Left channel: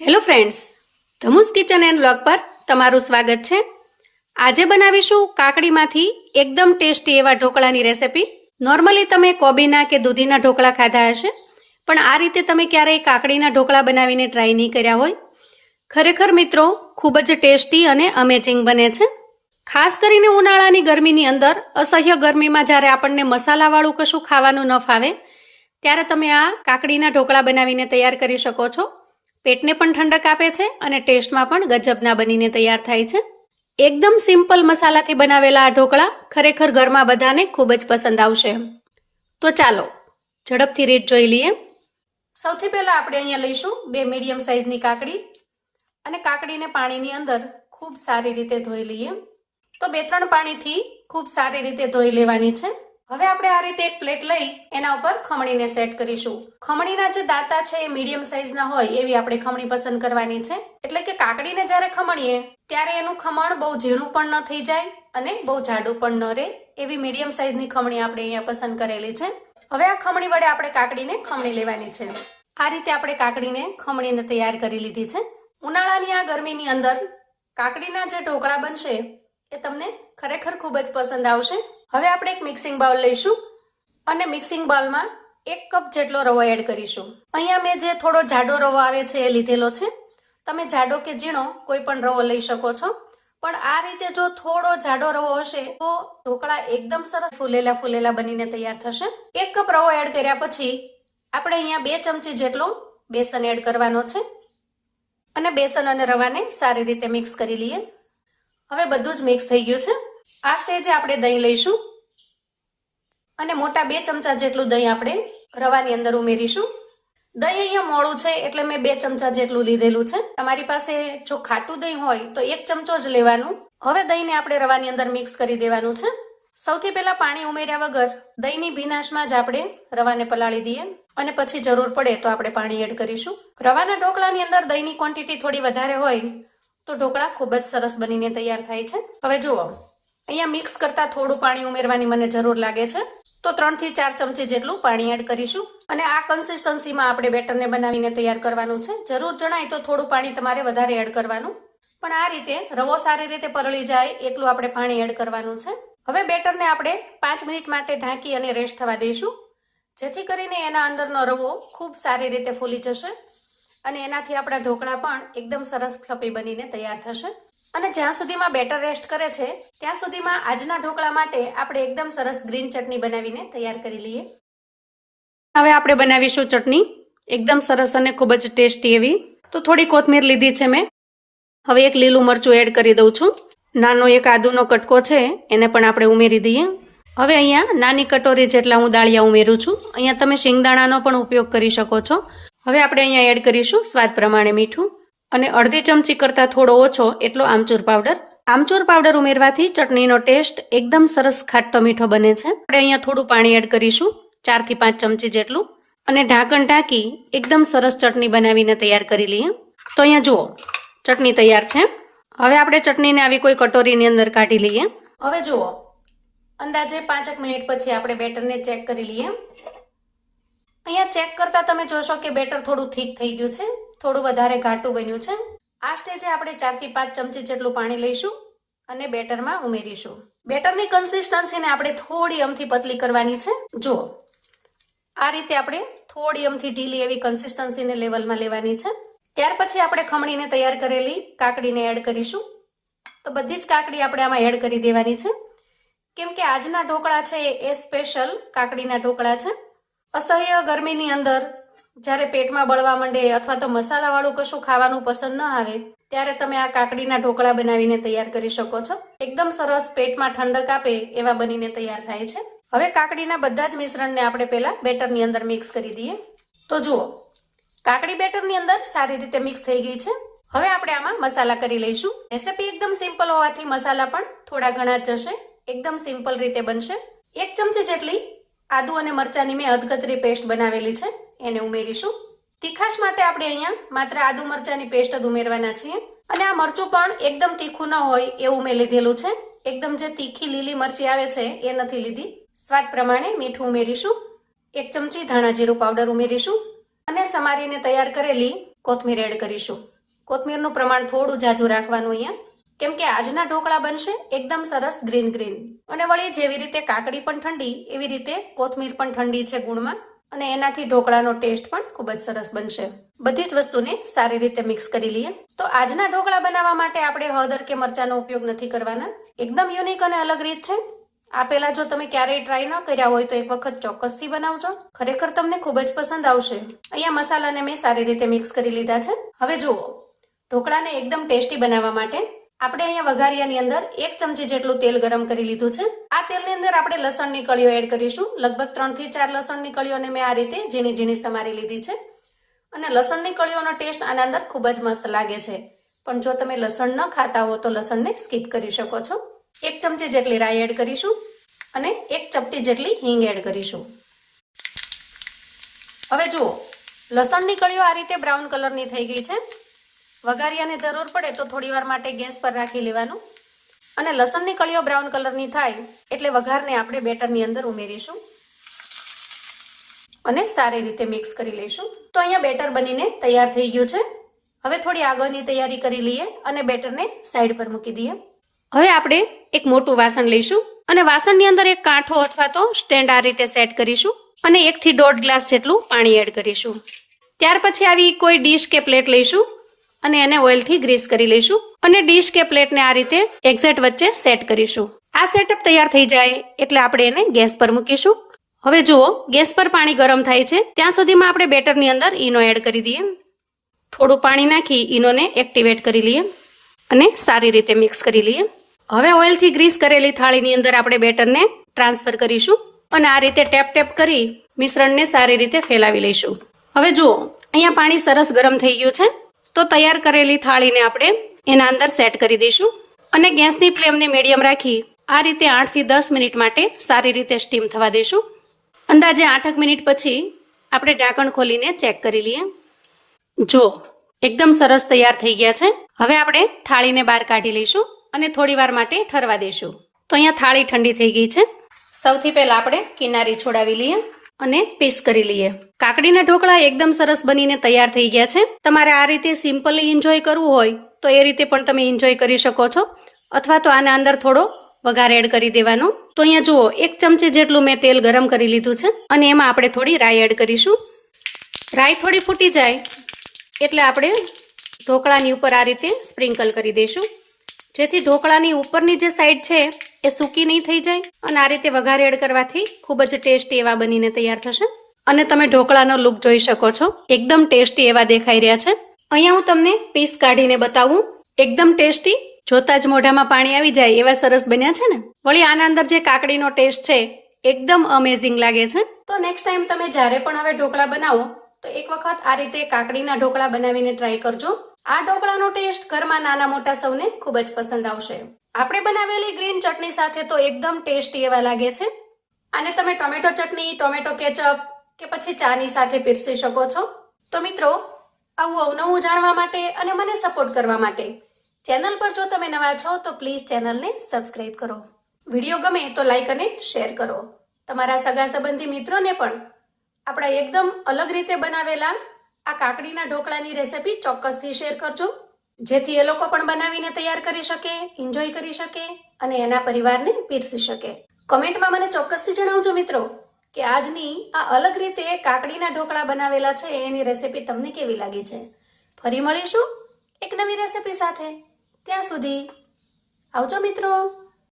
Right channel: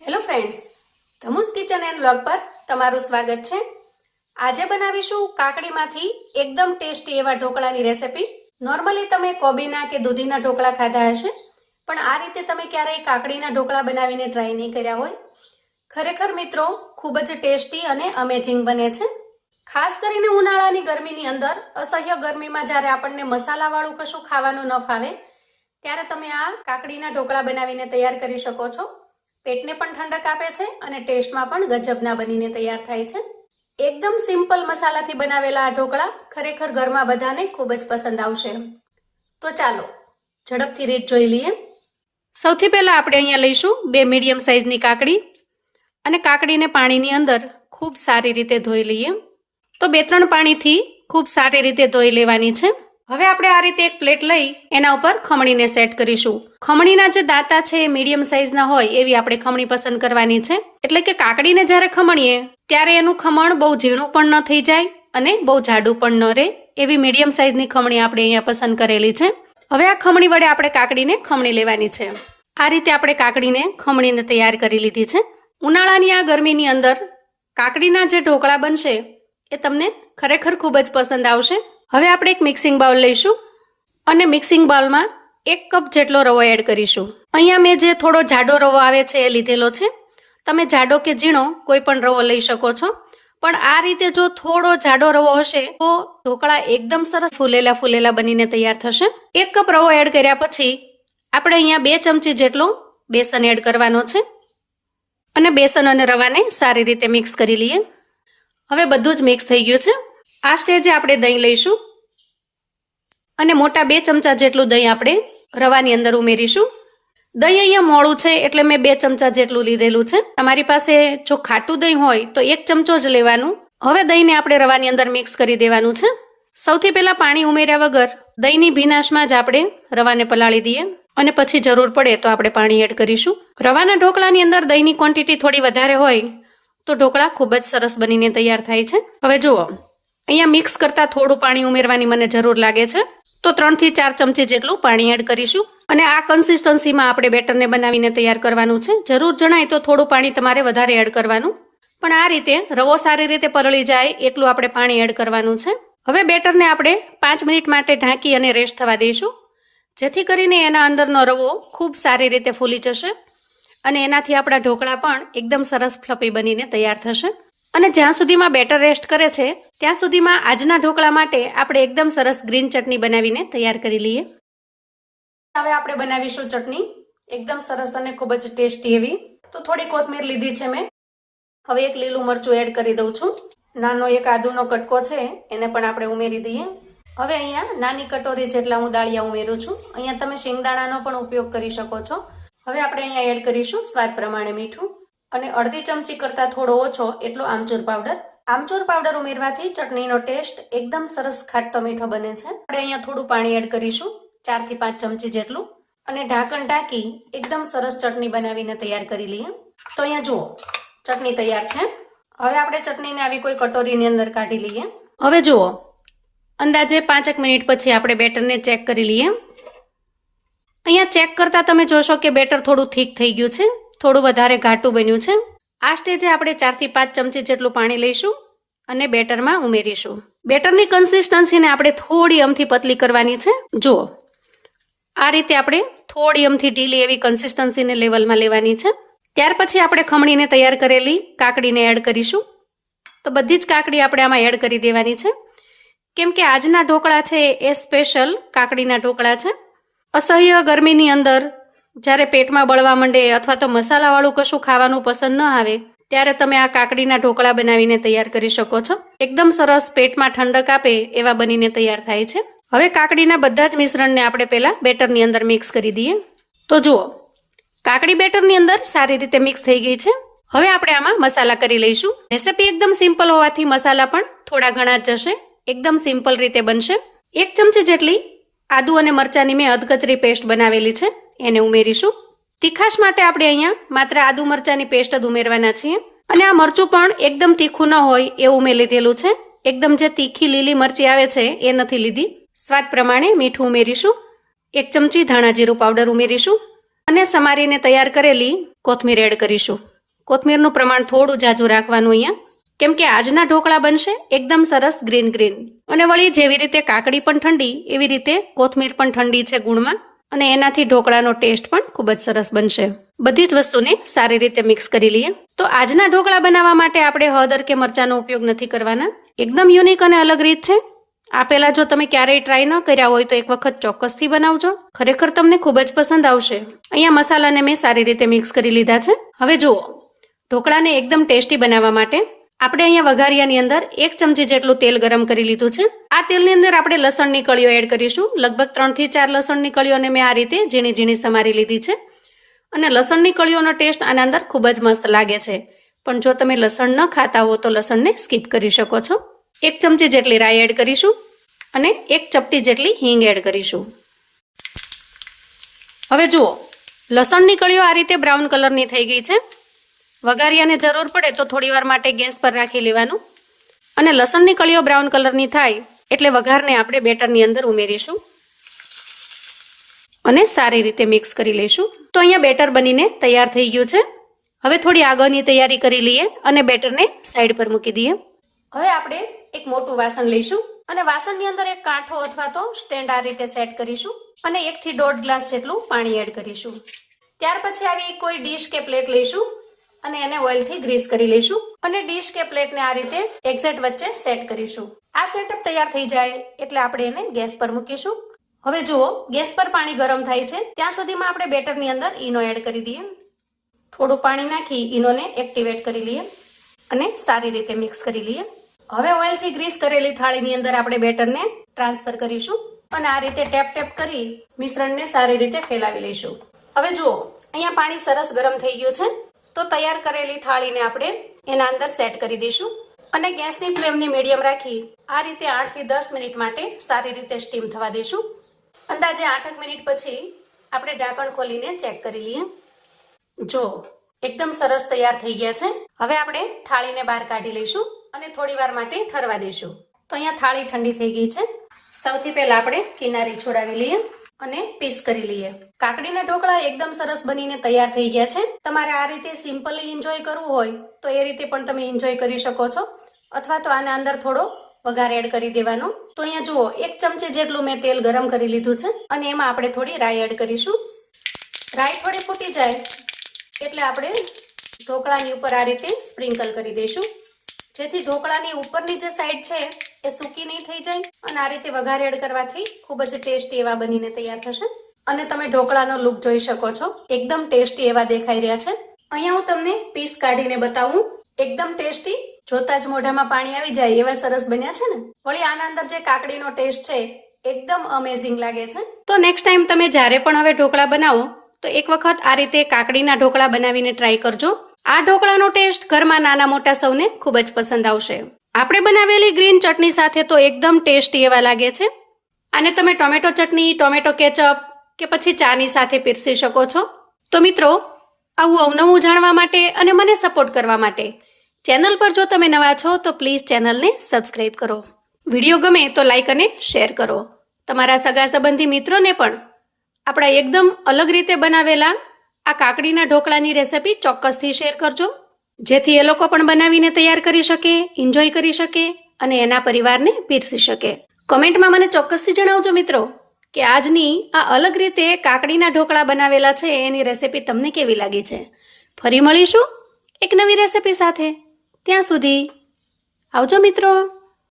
Hello friends ધમુસ kitchen and blog પર તમારું સ્વાગત છે. આજે બનાવીશું કાકડીમાંથી એકદમ ટેસ્ટી એવા ઢોકળાની રેસિપી. નોર્મલી તમે કોબીના કે દૂધીના ઢોકળા ખાધા હશે, પણ આ રીતે તમે ક્યારેય કાકડીના ઢોકળા બનાવીને ટ્રાય નહીં કર્યા હોય. ખરેખર મિત્રો, ખૂબ જ ટેસ્ટી અને અમેઝિંગ બને છે. ખાસ કરીને ઉનાળાની ગરમીની અંદર, અસહ્ય ગરમીમાં જ્યારે આપણને મસાલાવાળું કશું ખાવાનું ન ફાવે, ત્યારે તમે આ કાકડીના ઢોકળા બનાવીને તૈયાર કરી શકો છો. પેટને પણ ઠંડક આપે છે અને ટેસ્ટમાં પણ ગજબના બનીને તૈયાર થાય છે. એકદમ સિમ્પલ મસાલાથી બનાવેલા આ ઢોકળા ખરેખર ઘરમાં બધાને ખૂબ જ પસંદ આવશે. તો ચાલો, ઝડપથી રીત જોઈ લઈએ. સૌથી પહેલાં આપણે અહીંયા લઈશું બે મીડિયમ સાઇઝની કાકડી અને કાકડીને પાણીની અંદર ખૂબ સારી રીતે ધોઈ લઈએ. તો બે ત્રણ પાણીથી ખૂબ સારી રીતે ધોઈ લેવાની છે. હવે આપણે આ રીતે એક પ્લેટ લઈ એના ઉપર ખમણીને સેટ કરીશું. ખમણીના જે દાંતા છે એ મીડિયમ સાઇઝના હોય એવી આપણે ખમણી પસંદ કરવાની છે. એટલે કે કાકડીને જ્યારે ખમણીએ, ત્યારે એનું ખમણ બહુ ઝીણું પણ ન થઈ જાય અને બહુ જાડું પણ ન રહે એવી મીડિયમ સાઇઝની ખમણી આપણે અહીંયા પસંદ કરેલી છે. હવે આ ખમણી વડે આપણે કાકડીને ખમણી લેવાની છે. આ રીતે આપણે કાકડીને ખમણીને તૈયાર કરી લીધી છે. ઉનાળાની આ ગરમીની અંદર કાકડીના જે ઢોકળા બનશે એ તમને ખરેખર ખૂબ જ પસંદ આવશે. હવે આપણે એક મિક્સિંગ બાઉલ લઈશું અને મિક્સિંગ બાઉલમાં એક કપ જેટલો રવો એડ કરીશું. અહીંયા મેં જે થોડો જાડો રવો આવે છે એ લીધેલો છે. તમે જાડો કે ઝીણો કોઈ પણ રવો લઈ શકો છો. પણ આ રીતે જો થોડો જાડો રવો હશે તો ઢોકળા એકદમ સરસ ફૂલેલા ફૂલેલા બનીને તૈયાર થશે. એક કપ રવો એડ કર્યા પછી આપણે અહીંયા બે ચમચી જેટલું બેસન એડ કરવાનો છે. અને બેસન અને રવાને સારી રીતે મિક્સ કરી લઈએ. હવે બધું જ મિક્સ થઈ ગયું છે. આ સ્ટેજે આપણે દહીં લઈશું અને મોટા બે ચમચા જેટલું દહીં આપણે રવાની અંદર ઉમેરીશું. દહીં અહીંયા મોડું છે એટલે મેં બે ચમચા જેટલું લીધેલું છે. તમારી પાસે જો ખાટું દહીં હોય તો એક ચમચો જ લેવાનું. હવે દહીંને આપણે રવાની અંદર મિક્સ કરી દેવાનું છે. સૌથી પહેલાં પાણી ઉમેર્યા વગર દહીંની ભીનાશમાં જ આપણે રવાને પલાળી દઈએ. અને પછી જરૂર પડે તો આપણે પાણી એડ કરીશું. રવાના ઢોકળાની અંદર દહીંની ક્વોન્ટિટી થોડી વધારે હોય તો ઢોકળા ખૂબ જ સરસ બનીને તૈયાર થાય છે. હવે જુઓ. અહીંયા મિક્સ કરતાં થોડું પાણી ઉમેરવાની મને જરૂર લાગે છે. તો ત્રણથી ચાર ચમચી જેટલું પાણી એડ કરીશું. અને આ કન્સિસ્ટન્સીમાં આપણે બેટરને બનાવીને તૈયાર કરવાનું છે. જરૂર જણાય તો થોડું પાણી તમારે વધારે એડ કરવાનું. પણ આ રીતે રવો સારી રીતે પલળી જાય એટલું આપણે પાણી એડ કરવાનું છે. હવે બેટરને આપણે પાંચ મિનિટ માટે ઢાંકી અને રેસ્ટ થવા દઈશું. જેથી કરીને એના અંદરનો રવો ખૂબ સારી રીતે ફૂલી જશે. અને એનાથી આપણા ઢોકળા પણ એકદમ સરસ ફ્લપી બનીને તૈયાર થશે. અને જ્યાં સુધીમાં બેટર રેસ્ટ કરે છે, ત્યાં સુધીમાં આજના ઢોકળા માટે આપણે એકદમ સરસ ગ્રીન ચટણી બનાવીને તૈયાર કરી લઈએ. હવે આપણે બનાવીશું ચટણી, એકદમ સરસ અને ખૂબ જ ટેસ્ટી એવી. તો થોડી કોથમીર લીધી છે મેં. હવે એક લીલું મરચું એડ કરી દઉં છું. નાનો એક આદુનો કટકો છે, એને પણ આપણે ઉમેરી દઈએ. હવે અહીંયા નાની કટોરી જેટલા હું દાળિયા ઉમેરું છું. અહીંયા તમે શિંગદાણાનો પણ ઉપયોગ કરી શકો છો. હવે આપણે અહીંયા એડ કરીશું સ્વાદ પ્રમાણે મીઠું. અને અડધી ચમચી કરતાં થોડો ઓછો એટલો આમચૂર પાવડર. આમચૂર પાવડર ઉમેરવાથી ચટણીનો ટેસ્ટ એકદમ સરસ ખાટો મીઠો બને છે. આપણે અહીંયા થોડું પાણી એડ કરીશું ચારથી પાંચ ચમચી જેટલું. અને ઢાંકણ ઢાંકી એકદમ સરસ ચટણી બનાવીને તૈયાર કરી લઈએ. તો અહીંયા જુઓ, ચટણી તૈયાર છે. હવે આપણે ચટણીને આવી કોઈ કટોરીની અંદર કાઢી લઈએ. હવે જુઓ, અંદાજે પાંચેક મિનિટ પછી આપણે બેટરને ચેક કરી લઈએ. અહીંયા ચેક કરતાં તમે જોશો કે બેટર થોડું થીક થઈ ગયું છે. થોડું વધારે ઘાટું બન્યું છે. આ સ્ટેજે આપણે ચારથી પાંચ ચમચી જેટલું પાણી લઈશું અને બેટરમાં ઉમેરીશું. બેટરની કન્સિસ્ટન્સીને આપણે થોડી અમથી પતલી કરવાની છે. જુઓ, આ રીતે આપણે થોડી અમથી ઢીલી એવી કન્સિસ્ટન્સીને લેવલમાં લેવાની છે. ત્યાર પછી આપણે ખમણીને તૈયાર કરેલી કાકડીને એડ કરીશું. તો બધી જ કાકડી આપણે આમાં એડ કરી દેવાની છે. કેમ કે આજના ઢોકળા છે એ સ્પેશિયલ કાકડીના ઢોકળા છે. અસહ્ય ગરમીની અંદર જ્યારે પેટમાં બળવા માંડે અથવા તો મસાલાવાળું કશું ખાવાનું પસંદ ન આવે, ત્યારે તમે આ કાકડીના ઢોકળા બનાવીને તૈયાર કરી શકો છો. એકદમ સરસ પેટમાં ઠંડક આપે એવા બનીને તૈયાર થાય છે. હવે કાકડીના બધા જ મિશ્રણને આપણે પહેલાં બેટરની અંદર મિક્સ કરી દઈએ. તો જુઓ, કાકડી બેટરની અંદર સારી રીતે મિક્સ થઈ ગઈ છે. હવે આપણે આમાં મસાલા કરી લઈશું. રેસીપી એકદમ સિમ્પલ હોવાથી મસાલા પણ થોડા ઘણા જશે એકદમ સિમ્પલ રીતે બનશે. એક ચમચી જેટલી આદુ અને મરચાંની મેં અધકચરી પેસ્ટ બનાવેલી છે. એને ઉમેરીશું. તીખાશ માટે આપણે અહીંયા માત્ર આદુ મરચાંની પેસ્ટ જ ઉમેરવાના છીએ. અને આ મરચું પણ એકદમ તીખું ન હોય એવું મેં લીધેલું છે. એકદમ જે તીખી લીલી મરચી આવે છે એ નથી લીધી. સ્વાદ પ્રમાણે મીઠું ઉમેરીશું. એક ચમચી ધાણા જીરું પાવડર ઉમેરીશું. અને સમારીને તૈયાર કરેલી કોથમીર એડ કરીશું. કોથમીરનું પ્રમાણ થોડું જાજુ રાખવાનું અહીંયા. કેમ કે આજના ઢોકળા બનશે એકદમ સરસ ગ્રીન ગ્રીન. અને વળી જેવી રીતે કાકડી પણ ઠંડી, એવી રીતે કોથમીર પણ ઠંડી છે ગુણમાં. અને એનાથી ઢોકળાનો ટેસ્ટ પણ ખૂબ જ સરસ બનશે. બધી જ વસ્તુને સારી રીતે મિક્સ કરી લઈએ. તો આજના ઢોકળા બનાવવા માટે આપણે હળદર કે મરચાંનો ઉપયોગ નથી કરવાના. એકદમ યુનિક અને અલગ રીત છે. આ પહેલાં જો તમે ક્યારેય ટ્રાય ન કર્યા હોય તો એક વખત ચોક્કસથી બનાવજો. ખરેખર તમને ખૂબ જ પસંદ આવશે. અહીંયા મસાલાને મેં સારી રીતે મિક્સ કરી લીધા છે. હવે જુઓ, ઢોકળાને એકદમ ટેસ્ટી બનાવવા માટે આપણે અહીંયા વઘારિયાની અંદર એક ચમચી જેટલું તેલ ગરમ કરી લીધું છે. આ તેલની અંદર આપણે લસણની કળીઓ એડ કરીશું. લગભગ ત્રણથી ચાર લસણની કળીઓને મેં આ રીતે ઝીણી ઝીણી સમારી લીધી છે. અને લસણની કળીઓનો ટેસ્ટ આના અંદર ખૂબ જ મસ્ત લાગે છે. પણ જો તમે લસણ ન ખાતા હો તો લસણને સ્કીપ કરી શકો છો. એક ચમચી જેટલી રાઈ એડ કરીશું અને એક ચપટી જેટલી હિંગ એડ કરીશું. હવે જુઓ, લસણની કળીઓ આ રીતે બ્રાઉન કલરની થઈ ગઈ છે. વઘારિયાને જરૂર પડે તો થોડી વાર માટે ગેસ પર રાખી લેવાનું. અને લસણની કળીઓ બ્રાઉન કલરની થાય એટલે વઘારને આપણે બેટરની અંદર ઉમેરીશું. અને સારી રીતે મિક્સ કરી લઈશું. તો અહીંયા બેટર બનીને તૈયાર થઈ ગયું છે. હવે થોડી આગળની તૈયારી કરી લઈએ અને બેટરને સાઈડ પર મૂકી દઈએ. હવે આપણે એક મોટું વાસણ લઈશું અને વાસણની અંદર એક કાંઠો અથવા તો સ્ટેન્ડ આ રીતે સેટ કરીશું અને એકથી દોઢ ગ્લાસ જેટલું પાણી એડ કરીશું. ત્યાર પછી આવી કોઈ ડીશ કે પ્લેટ લઈશું અને એને ઓઇલથી ગ્રીસ કરી લઈશું અને ડીશ કે પ્લેટને આ રીતે એક્ઝેક્ટ વચ્ચે સેટ કરીશું. આ સેટઅપ તૈયાર થઈ જાય એટલે આપણે એને ગેસ પર મૂકીશું. હવે જુઓ, ગેસ પર પાણી ગરમ થાય છે. ત્યાં સુધીમાં આપણે બેટરની અંદર ઈનો એડ કરી દઈએ. થોડું પાણી નાખી ઈનોને એક્ટિવેટ કરી લઈએ અને સારી રીતે મિક્સ કરી લઈએ. હવે ઓઇલથી ગ્રીસ કરેલી થાળીની અંદર આપણે બેટરને ટ્રાન્સફર કરીશું અને આ રીતે ટેપ ટેપ કરી મિશ્રણને સારી રીતે ફેલાવી લઈશું. હવે જુઓ, અહીંયા પાણી સરસ ગરમ થઈ ગયું છે. તો તૈયાર કરેલી થાળીને આપણે એના અંદર સેટ કરી દઈશું. અને ગેસની ફ્લેમને મીડિયમ રાખી આ રીતે આઠથી દસ મિનિટ માટે સારી રીતે સ્ટીમ થવા દઈશું. અંદાજે આઠક મિનિટ પછી આપણે ઢાંકણ ખોલીને ચેક કરી લઈએ. જો, એકદમ સરસ તૈયાર થઈ ગયા છે. હવે આપણે થાળીને બહાર કાઢી લઈશું અને થોડી વાર માટે ઠરવા દઈશું. તો અહીંયા થાળી ઠંડી થઈ ગઈ છે. સૌથી પહેલાં આપણે કિનારી છોડાવી લઈએ. અને પીસ કરી લઈએ. કાકડીના ઢોકળા એકદમ સરસ બનીને તૈયાર થઈ ગયા છે. તમારે આ રીતે સિમ્પલી એન્જોય કરવું હોય, તો એ રીતે પણ તમે એન્જોય કરી શકો છો. અથવા તો આના અંદર થોડો વઘાર એડ કરી દેવાનો. તો અહીંયા જુઓ, એક ચમચી જેટલું મેં તેલ ગરમ કરી લીધું છે, અને એમાં આપણે થોડી રાઈ એડ કરીશું. રાઈ થોડી ફૂટી જાય, એટલે આપણે ઢોકળાની ઉપર આ રીતે સ્પ્રિંકલ કરી દઈશું. જેથી ઢોકળાની ઉપરની જે સાઈડ છે એ સૂકી નહીં થઈ જાય અને આ રીતે વઘાર એડ કરવાથી ખૂબ જ ટેસ્ટી એવા બનીને તૈયાર થશે. અને તમે ઢોકળાનો લુક જોઈ શકો છો. એકદમ ટેસ્ટી એવા દેખાઈ રહ્યા છે. અહીંયા હું તમને પીસ કાઢીને બતાવું. એકદમ ટેસ્ટી. જોતા જ મોઢામાં પાણી આવી જાય એવા સરસ બન્યા છે ને? વળી આના અંદર જે કાકડીનો ટેસ્ટ છે, એકદમ અમેઝિંગ લાગે છે. તો નેક્સ્ટ ટાઈમ તમે જ્યારે પણ હવે ઢોકળા બનાવો, તો એક વખત આ રીતે કાકડીના ઢોકળા બનાવીને ટ્રાય કરજો. આ ઢોકળાનો ટેસ્ટ ઘરમાં નાના મોટા સૌને ખૂબ જ પસંદ આવશે. આપણે બનાવેલી ગ્રીન ચટણી સાથે તો એકદમ ટેસ્ટી એવા લાગે છે. અને તમે ટોમેટો ચટણી, ટોમેટો કેચઅપ કે પછી ચાની સાથે પીરસી શકો છો. તો મિત્રો, આવું અવનવું જાણવા માટે અને મને સપોર્ટ કરવા માટે ચેનલ પર જો તમે નવા છો, તો પ્લીઝ ચેનલને સબસ્ક્રાઈબ કરો. વીડિયો ગમે તો લાઇક અને શેર કરો. તમારા સગા સંબંધી મિત્રોને પણ આપણા એકદમ અલગ રીતે બનાવેલા આ કાકડીના ઢોકળાની રેસિપી ચોક્કસથી શેર કરજો. જેથી એ લોકો પણ બનાવીને તૈયાર કરી શકે એન્જોય કરી શકે અને એના પરિવારને પીરસી શકે. કમેન્ટમાં મને ચોક્કસથી જણાવજો મિત્રો કે આજની આ અલગ રીતે કાકડીના ઢોકળા બનાવેલા છે, એની રેસિપી તમને કેવી લાગી છે? ફરી મળીશું એક નવી રેસિપી સાથે. ત્યાં સુધી આવજો મિત્રો.